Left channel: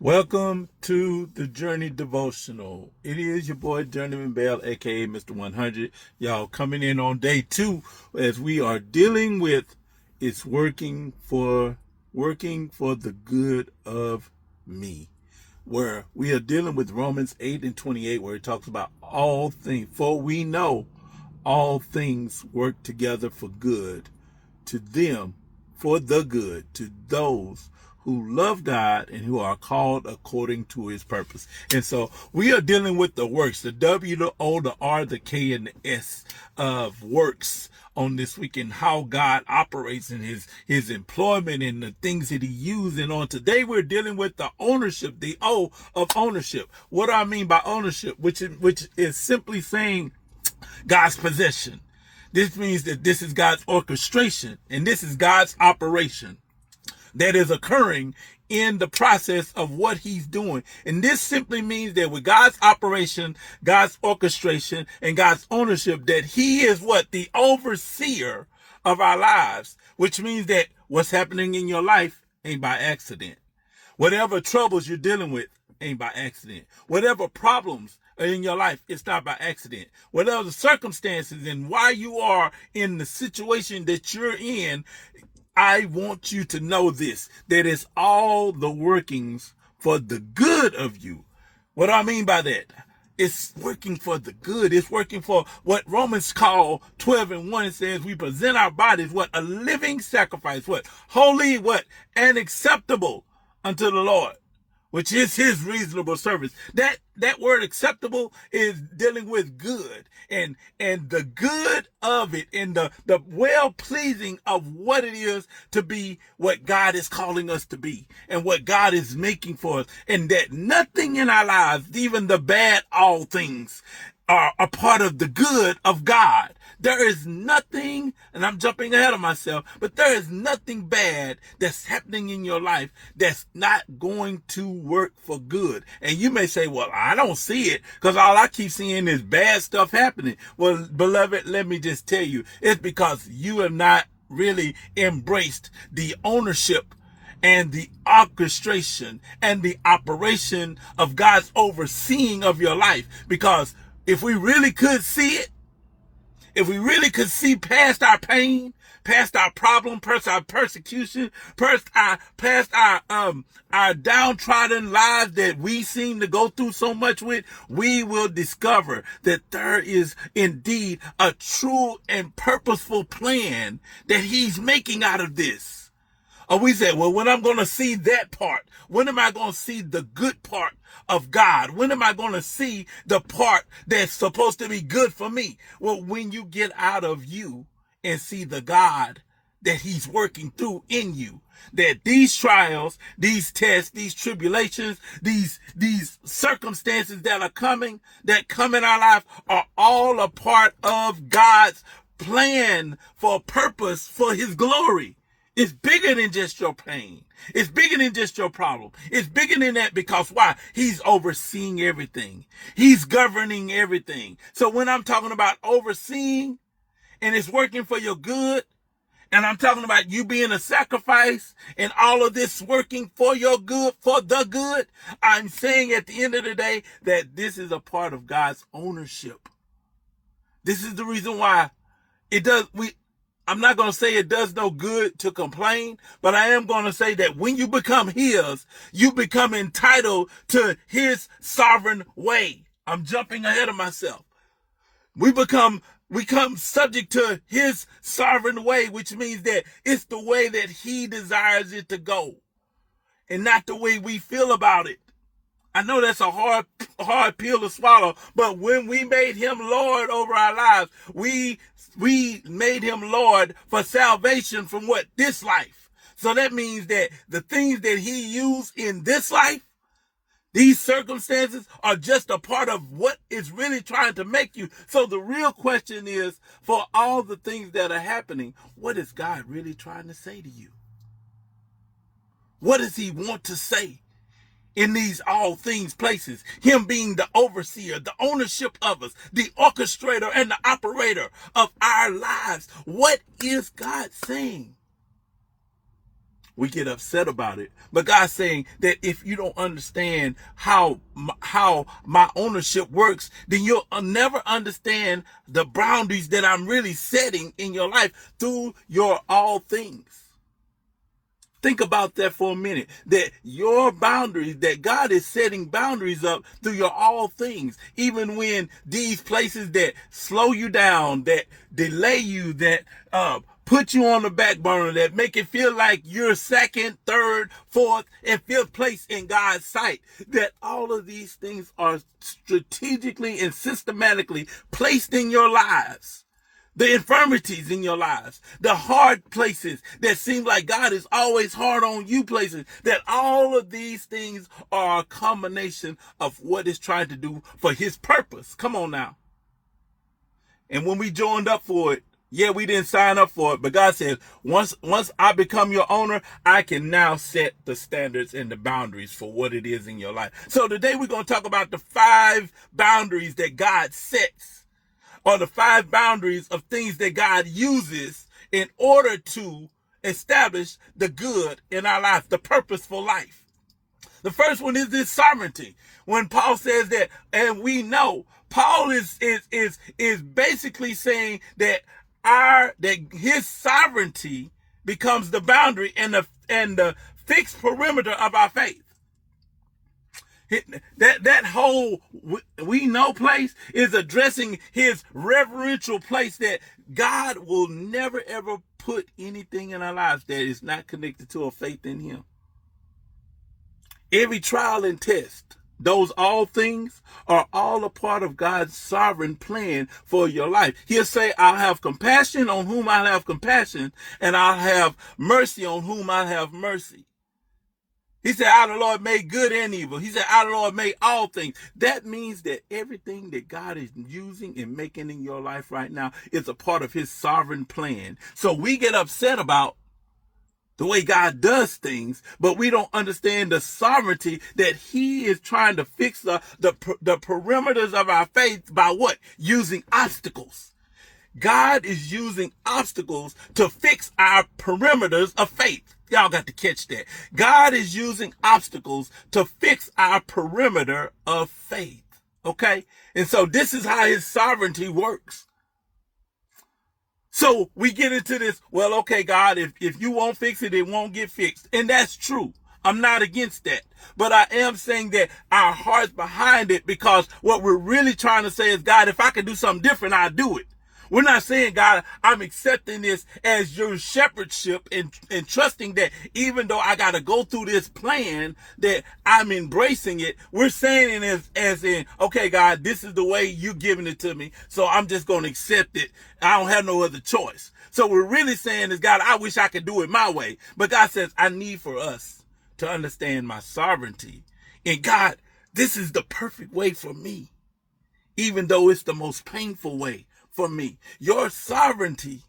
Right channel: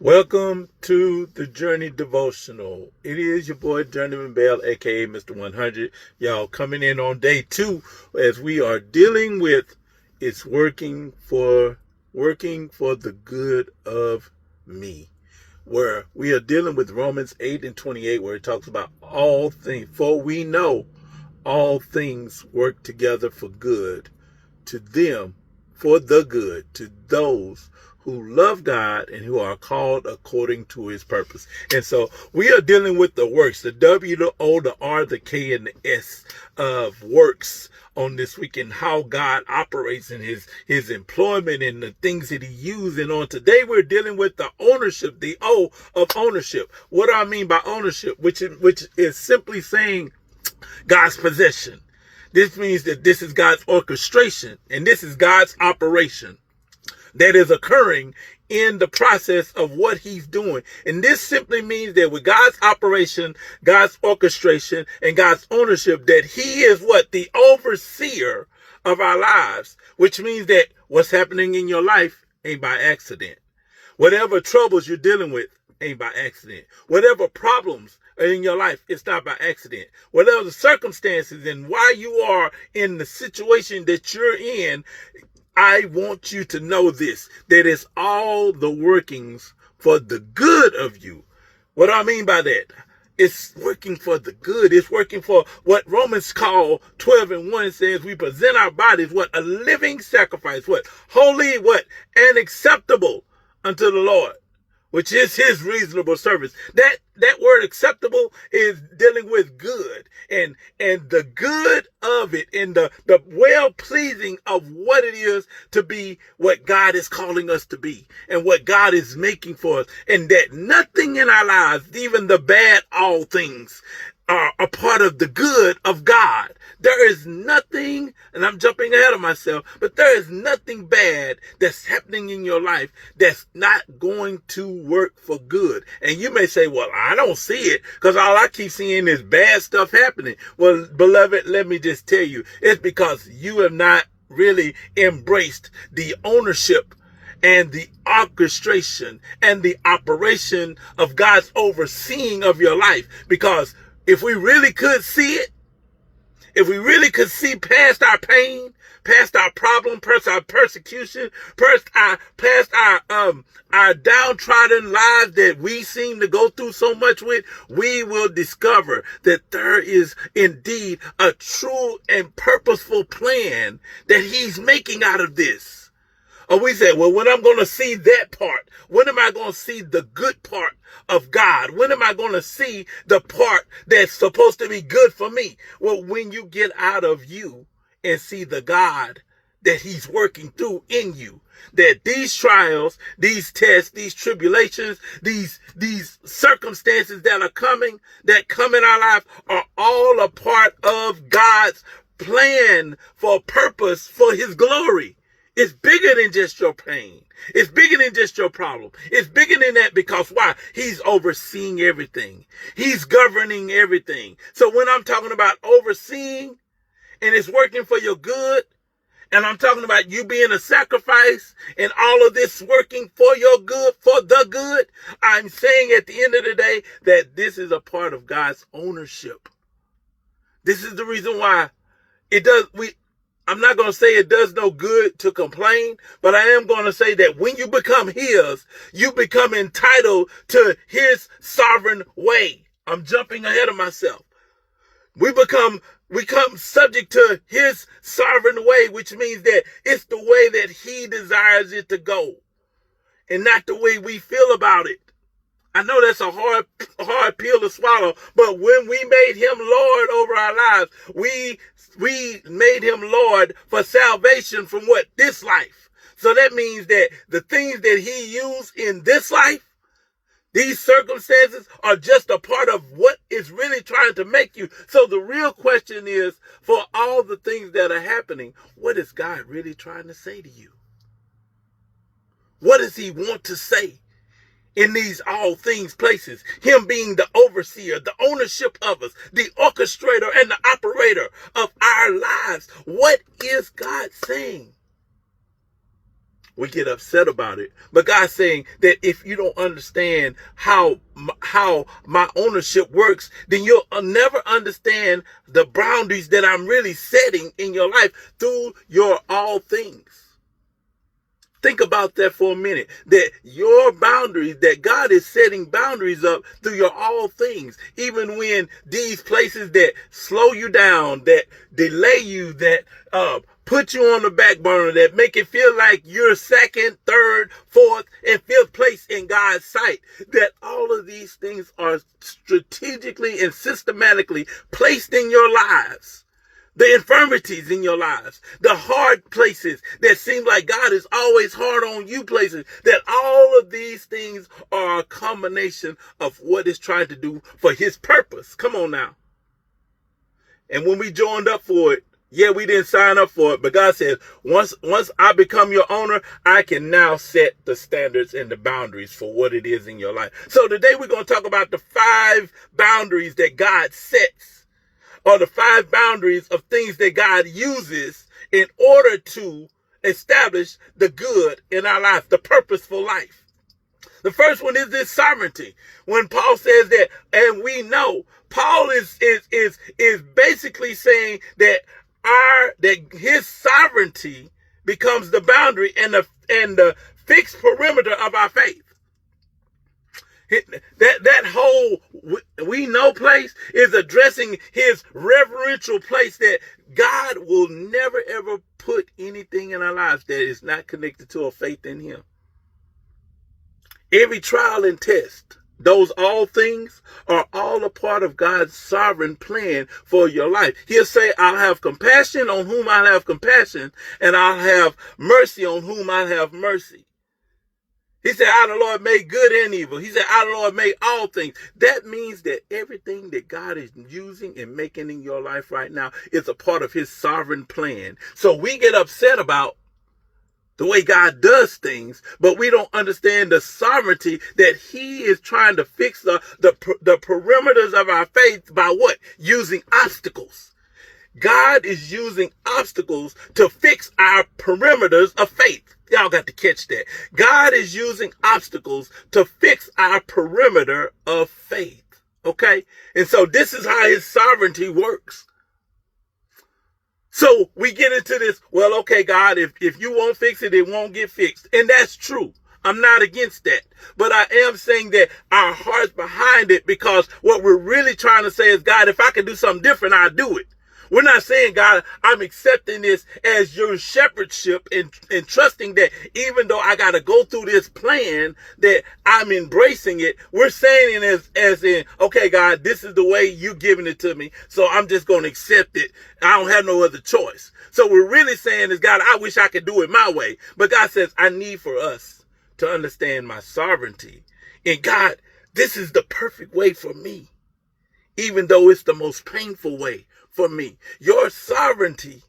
Welcome to the Journey Devotional. It is your boy Journeyman Bell, aka Mr. 100. Y'all coming in on day 2 as we are dealing with it's working for the good of me. Where we are dealing with Romans 8:28, where it talks about all things, for we know all things work together for good to them, for the good, to those who love God and who are called according to his purpose. And so we are dealing with the works, the W, the O, the R, the K, and the S of works on this week, and how God operates in his employment and the things that he uses. And on today, we're dealing with the ownership, the O of ownership. What do I mean by ownership? Which is simply saying God's possession. This means that this is God's orchestration and this is God's operation that is occurring in the process of what he's doing. And this simply means that with God's operation, God's orchestration, and God's ownership, that he is what? The overseer of our lives, which means that what's happening in your life ain't by accident. Whatever troubles you're dealing with ain't by accident. Whatever problems are in your life, it's not by accident. Whatever the circumstances and why you are in the situation that you're in, I want you to know this, that it's all the workings for the good of you. What do I mean by that? It's working for the good. It's working for what Romans call 12:1 says, we present our bodies, what? A living sacrifice, what? Holy, what? And acceptable unto the Lord, which is his reasonable service. That word acceptable is dealing with good and the good of it and the well-pleasing of what it is to be what God is calling us to be and what God is making for us. And that nothing in our lives, even the bad, all things, are a part of the good of God. There is nothing, and I'm jumping ahead of myself, but there is nothing bad that's happening in your life that's not going to work for good. And you may say, well, I don't see it because all I keep seeing is bad stuff happening. Well, beloved, let me just tell you, it's because you have not really embraced the ownership and the orchestration and the operation of God's overseeing of your life. Because if we really could see it, if we really could see past our pain, past our problem, past our persecution, past our downtrodden lives that we seem to go through so much with, we will discover that there is indeed a true and purposeful plan that he's making out of this. Or we say, well, when I'm going to see that part, when am I going to see the good part of God? When am I going to see the part that's supposed to be good for me? Well, when you get out of you and see the God that he's working through in you, that these trials, these tests, these tribulations, these circumstances that come in our life are all a part of God's plan for purpose for his glory. It's bigger than just your pain. It's bigger than just your problem. It's bigger than that because why? He's overseeing everything. He's governing everything. So when I'm talking about overseeing and it's working for your good, and I'm talking about you being a sacrifice and all of this working for your good, for the good, I'm saying at the end of the day that this is a part of God's ownership. This is the reason why I'm not going to say it does no good to complain, but I am going to say that when you become his, you become entitled to his sovereign way. I'm jumping ahead of myself. We become subject to his sovereign way, which means that it's the way that he desires it to go and not the way we feel about it. I know that's a hard pill to swallow, but when we made him Lord over our lives, we made him Lord for salvation from what? This life. So that means that the things that he used in this life, these circumstances are just a part of what is really trying to make you. So the real question is, for all the things that are happening, what is God really trying to say to you? What does he want to say? In these all things places, him being the overseer, the ownership of us, the orchestrator and the operator of our lives. What is God saying? We get upset about it. But God's saying that if you don't understand how my ownership works, then you'll never understand the boundaries that I'm really setting in your life through your all things. Think about that for a minute, that your boundaries, that God is setting boundaries up through your all things, even when these places that slow you down, that delay you, that put you on the back burner, that make it feel like you're second, third, fourth, and fifth place in God's sight, that all of these things are strategically and systematically placed in your lives. The infirmities in your lives, the hard places that seem like God is always hard on you places, that all of these things are a combination of what it's trying to do for his purpose. Come on now. And when we joined up for it, yeah, we didn't sign up for it, but God says, once I become your owner, I can now set the standards and the boundaries for what it is in your life. So today we're going to talk about the 5 boundaries that God sets, or the 5 boundaries of things that God uses in order to establish the good in our life, the purposeful life. The first one is this sovereignty. When Paul says that, and we know, Paul is basically saying that his sovereignty becomes the boundary and the fixed perimeter of our faith. That whole we know place is addressing his reverential place, that God will never ever put anything in our lives that is not connected to a faith in him. Every trial and test, those all things are all a part of God's sovereign plan for your life. He'll say, I'll have compassion on whom I'll have compassion, and I'll have mercy on whom I'll have mercy. He said, I, the Lord, made good and evil. He said, I, the Lord, made all things. That means that everything that God is using and making in your life right now is a part of his sovereign plan. So we get upset about the way God does things, but we don't understand the sovereignty that he is trying to fix the perimeters of our faith by what? Using obstacles. God is using obstacles to fix our perimeters of faith. Y'all got to catch that. God is using obstacles to fix our perimeter of faith. Okay? And so this is how his sovereignty works. So we get into this, well, okay, God, if you won't fix it, it won't get fixed. And that's true. I'm not against that. But I am saying that our heart's behind it, because what we're really trying to say is, God, if I can do something different, I'll do it. We're not saying, God, I'm accepting this as your shepherdship and trusting that even though I got to go through this plan, that I'm embracing it. We're saying it as in, okay, God, this is the way you're giving it to me, so I'm just going to accept it. I don't have no other choice. So we're really saying is, God, I wish I could do it my way. But God says, I need for us to understand my sovereignty. And God, this is the perfect way for me, even though it's the most painful way for me. Your sovereignty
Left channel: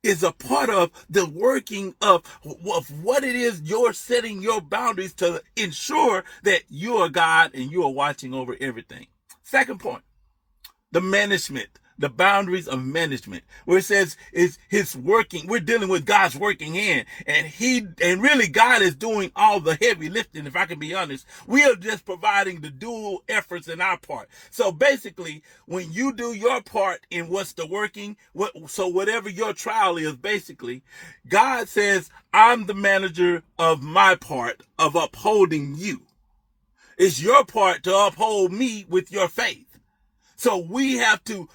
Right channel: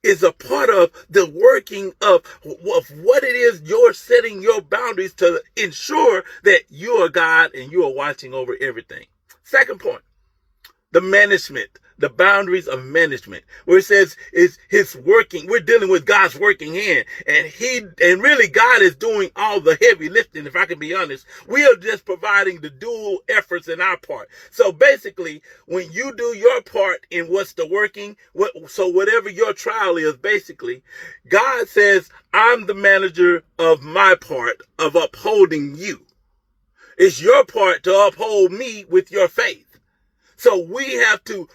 is a part of the working of what it is you're setting your boundaries to ensure that you are God and you are watching over everything. Second point, the management, the boundaries of management, where it says is his working. We're dealing with God's working hand, and really God is doing all the heavy lifting. If I can be honest, we are just providing the dual efforts in our part. So basically, when you do your part in what's the working, so whatever your trial is, basically, God says, I'm the manager of my part of upholding you. It's your part to uphold me with your faith. So we have to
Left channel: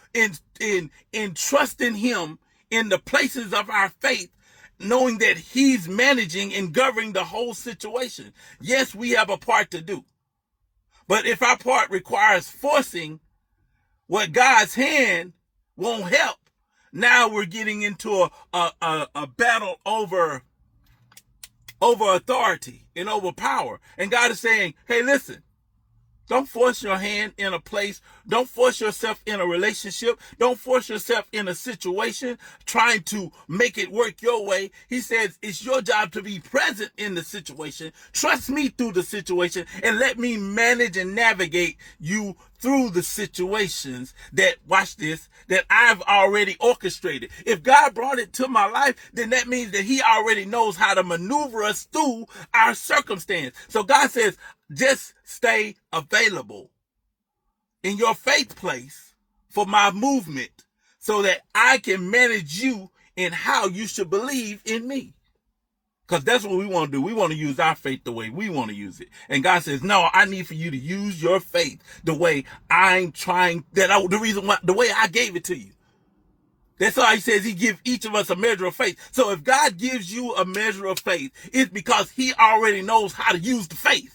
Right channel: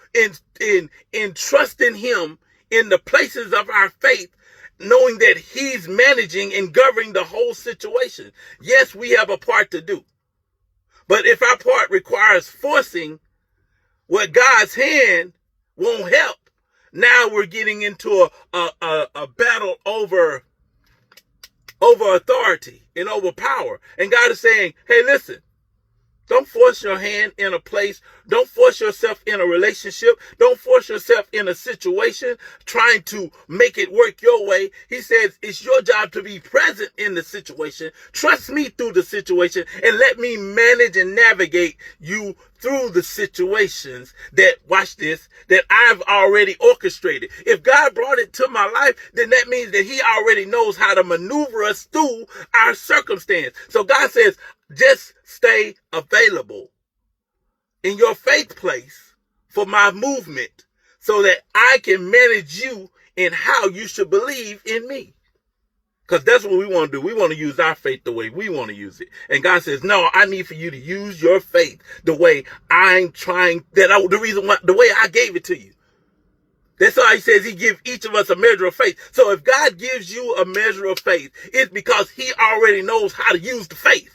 entrust in him in the places of our faith, knowing that he's managing and governing the whole situation. Yes, we have a part to do. But if our part requires forcing what God's hand won't help, now we're getting into a battle over authority and over power. And God is saying, hey, listen, Don't force your hand in a place. Don't force yourself in a relationship. Don't force yourself in a situation trying to make it work your way. He says it's your job to be present in the situation. Trust me through the situation and let me manage and navigate you through the situations that, watch this, that I've already orchestrated. If God brought it to my life, then that means that he already knows how to maneuver us through our circumstance. So God says, just stay available in your faith place for my movement so that I can manage you in how you should believe in me. Because that's what we want to do. We want to use our faith the way we want to use it. And God says, no, I need for you to use your faith the way I'm trying, the way I gave it to you. That's why he says he gives each of us a measure of faith. So if God gives you a measure of faith, it's because he already knows how to use the faith.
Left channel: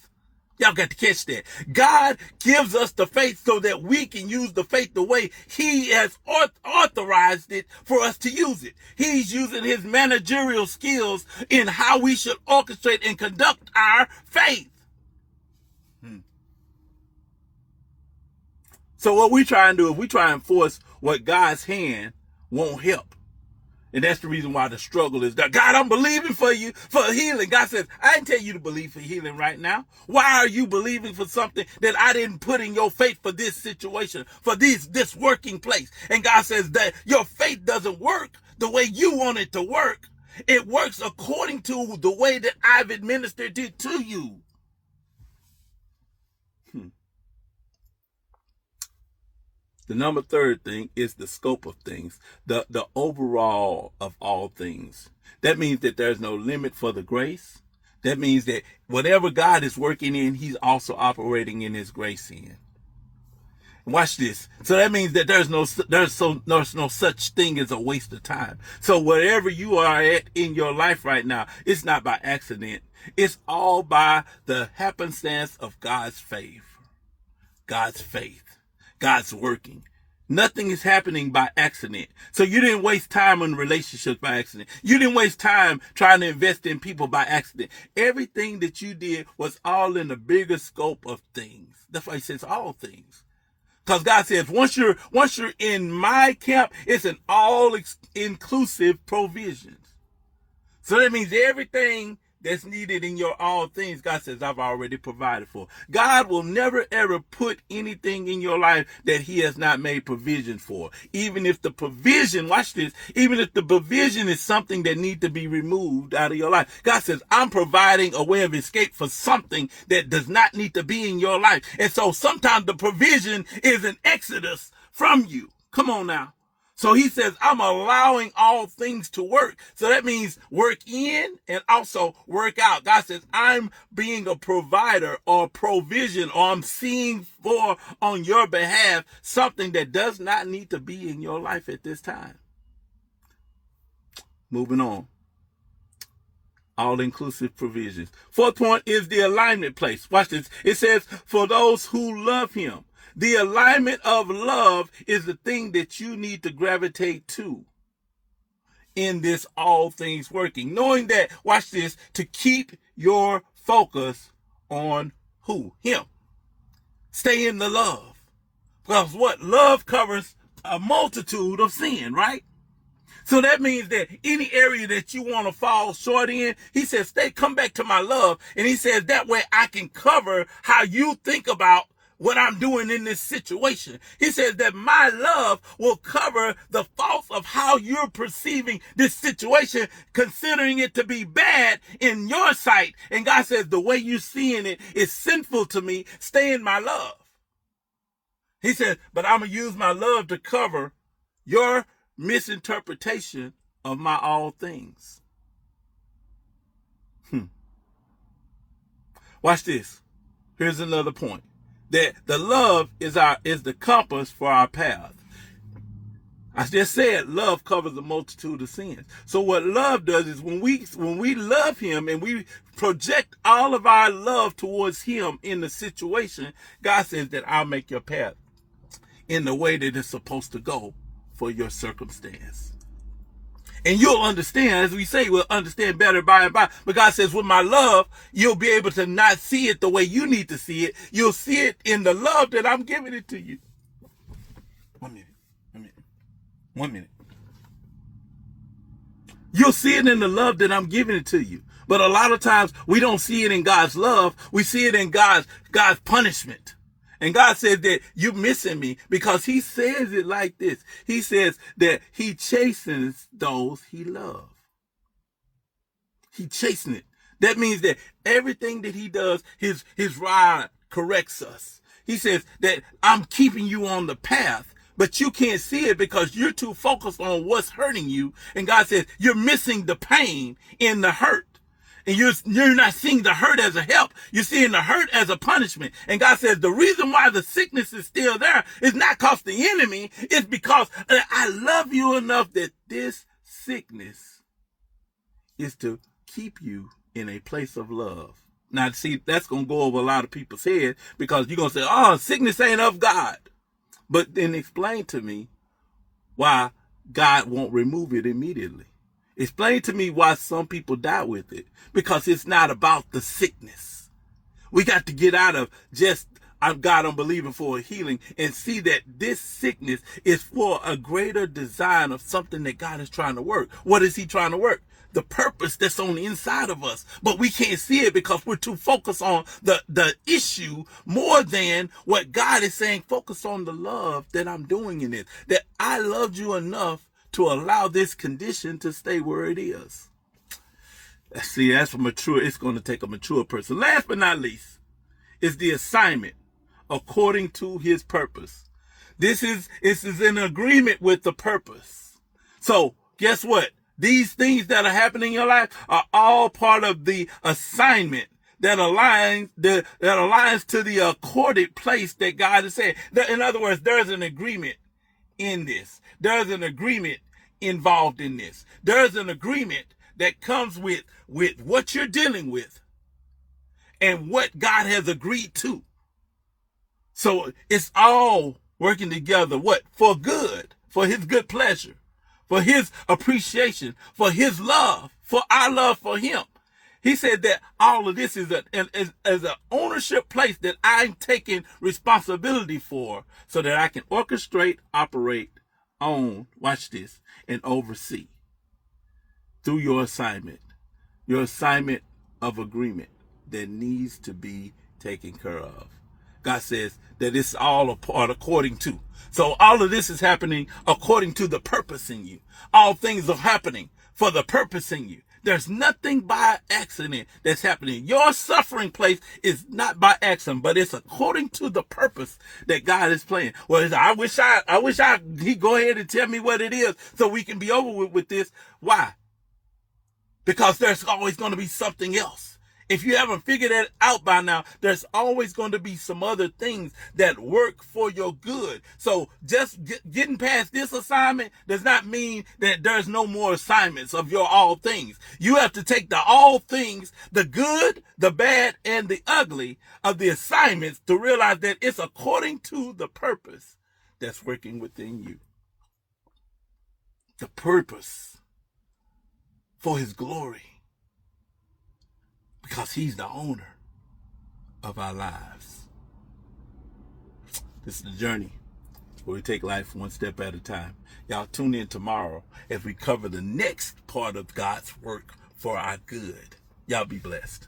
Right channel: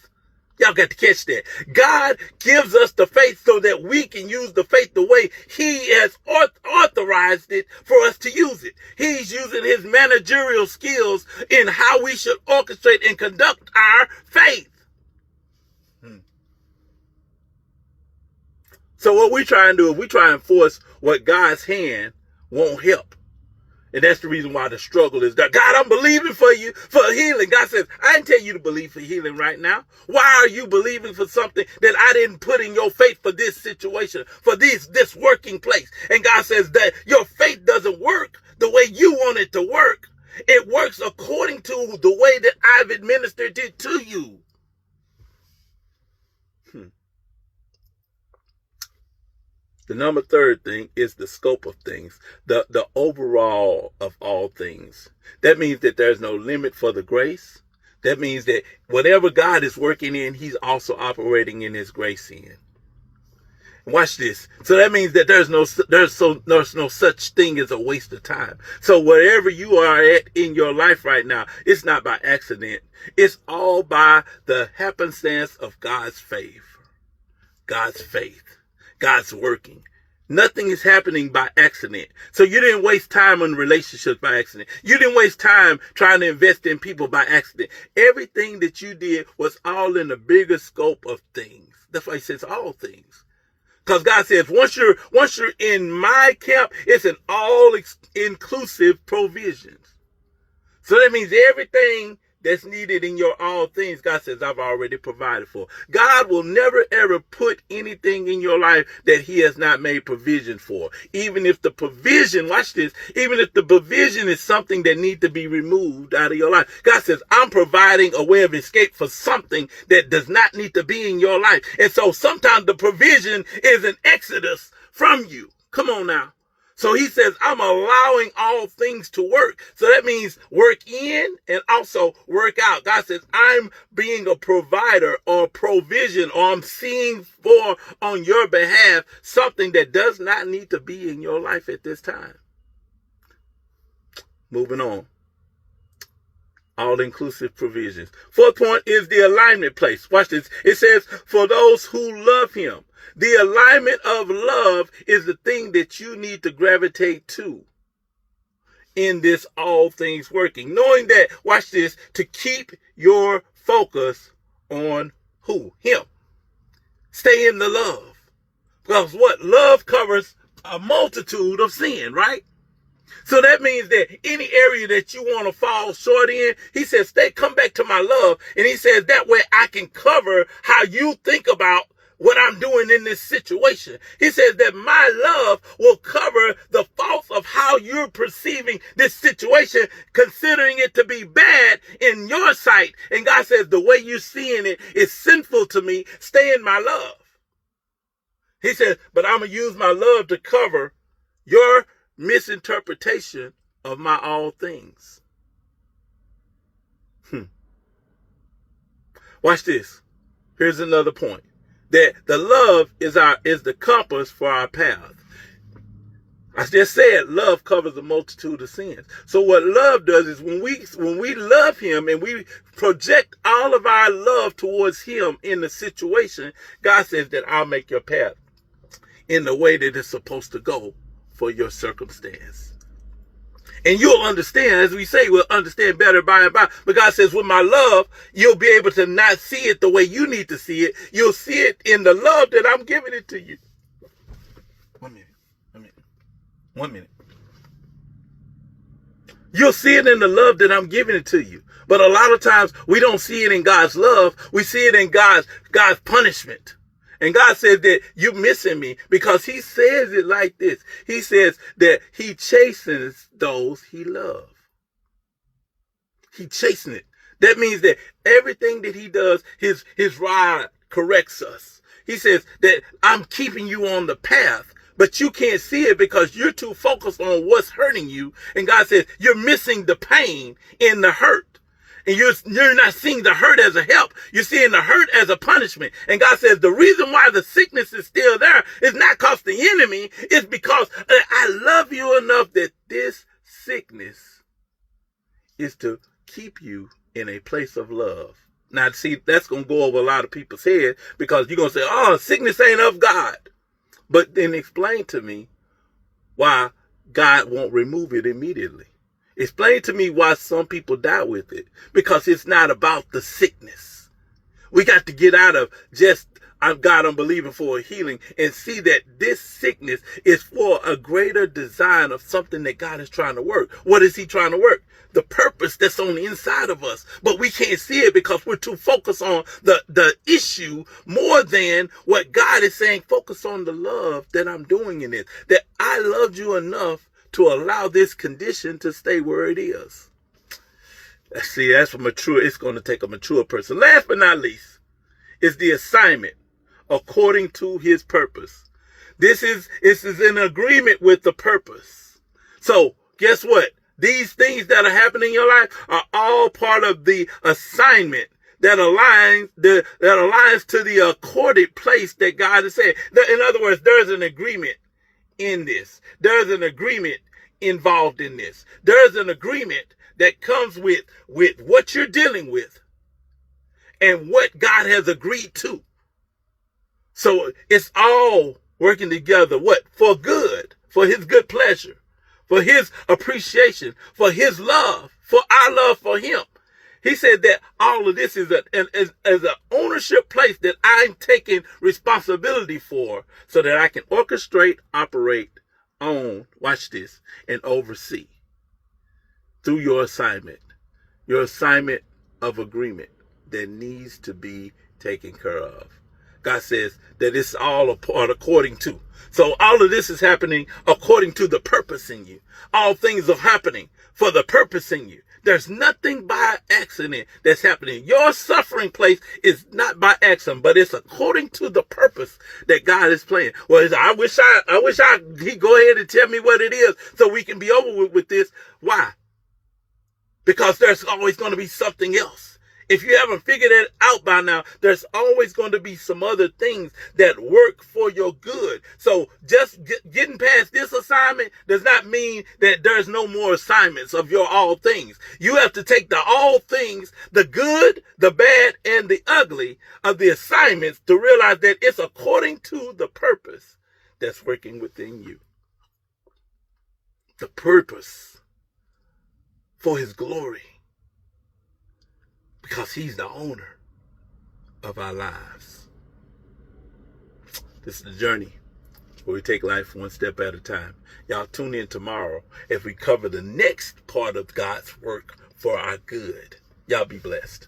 Y'all got to catch that. God gives us the faith so that we can use the faith the way he has authorized it for us to use it. He's using his managerial skills in how we should orchestrate and conduct our faith. So what we try and do is we try and force what God's hand won't help. And that's the reason why the struggle is that, God, I'm believing for you for healing. God says, I didn't tell you to believe for healing right now. Why are you believing for something that I didn't put in your faith for this situation, for this working place? And God says that your faith doesn't work the way you want it to work. It works according to the way that I've administered it to you. The third thing is the scope of things, the overall of all things. That means that there's no limit for the grace. That means that whatever God is working in, he's also operating in his grace in. Watch this. So that means that there's no such thing as a waste of time. So wherever you are at in your life right now, it's not by accident. It's all by the happenstance of God's favor, God's faith. God's working. Nothing is happening by accident. So you didn't waste time on relationships by accident. You didn't waste time trying to invest in people by accident. Everything that you did was all in the bigger scope of things. That's why he says all things. Because God says once you're in my camp, it's an all-inclusive provisions. So that means everything that's needed in your all things, God says, I've already provided for. God will never, ever put anything in your life that he has not made provision for. Even if the provision, watch this, even if the provision is something that needs to be removed out of your life. God says, I'm providing a way of escape for something that does not need to be in your life. And so sometimes the provision is an exodus from you. Come on now. So he says, I'm allowing all things to work. So that means work in and also work out. God says, I'm being a provider or provision, or I'm seeing for on your behalf something that does not need to be in your life at this time. Moving on. All-inclusive provisions. Fourth point is the alignment place. Watch this. It says, for those who love him. The alignment of love is the thing that you need to gravitate to in this all things working. Knowing that, watch this, to keep your focus on who? Him. Stay in the love. Because what? Love covers a multitude of sin, right? So that means that any area that you want to fall short in, he says, come back to my love. And he says, that way I can cover how you think about what I'm doing in this situation. He says that my love will cover the faults of how you're perceiving this situation, considering it to be bad in your sight. And God says, the way you're seeing it is sinful to me. Stay in my love. He says, but I'm going to use my love to cover your misinterpretation of my all things. Watch this. Here's another point. That the love is the compass for our path. I just said love covers a multitude of sins. So what love does is when we love him and we project all of our love towards him in the situation, God says that I'll make your path in the way that it's supposed to go for your circumstance. And you'll understand, as we say, we'll understand better by and by. But God says, with my love, you'll be able to not see it the way you need to see it. You'll see it in the love that I'm giving it to you. 1 minute. 1 minute. 1 minute. You'll see it in the love that I'm giving it to you. But a lot of times we don't see it in God's love. We see it in God's punishment. And God says that you're missing me, because he says it like this. He says that he chastens those he loves. He chastens it. That means that everything that he does, his rod corrects us. He says that I'm keeping you on the path, but you can't see it because you're too focused on what's hurting you. And God says you're missing the pain in the hurt. And you're not seeing the hurt as a help. You're seeing the hurt as a punishment. And God says the reason why the sickness is still there is not because the enemy. It's because I love you enough that this sickness is to keep you in a place of love. Now, see, that's going to go over a lot of people's head, because you're going to say, oh, sickness ain't of God. But then explain to me why God won't remove it immediately. Explain to me why some people die with it. Because it's not about the sickness. We got to get out of just, God, I'm believing for a healing, and see that this sickness is for a greater design of something that God is trying to work. What is he trying to work? The purpose that's on the inside of us. But we can't see it because we're too focused on the issue more than what God is saying. Focus on the love that I'm doing in it. That I loved you enough to allow this condition to stay where it is. See, that's it's going to take a mature person. Last but not least is the assignment according to his purpose. This is in agreement with the purpose. So guess what? These things that are happening in your life are all part of the assignment that aligns to the accorded place that God has said. In other words, there's an agreement in this. There's an agreement involved in this. There's an agreement that comes with what you're dealing with and what God has agreed to. So it's all working together. What? For good, for his good pleasure, for his appreciation, for his love, for our love for him. He said that all of this is an ownership place that I'm taking responsibility for, so that I can orchestrate, operate, own, watch this, and oversee through your assignment of agreement that needs to be taken care of. God says that it's all a part according to. So all of this is happening according to the purpose in you. All things are happening for the purpose in you. There's nothing by accident that's happening. Your suffering place is not by accident, but it's according to the purpose that God is playing. Well, I wish he'd go ahead and tell me what it is so we can be over with this. Why? Because there's always going to be something else. If you haven't figured it out by now, there's always going to be some other things that work for your good. So just getting past this assignment does not mean that there's no more assignments of your all things. You have to take the all things, the good, the bad, and the ugly of the assignments to realize that it's according to the purpose that's working within you. The purpose for his glory. Because he's the owner of our lives. This is the journey where we take life one step at a time. Y'all tune in tomorrow as we cover the next part of God's work for our good. Y'all be blessed.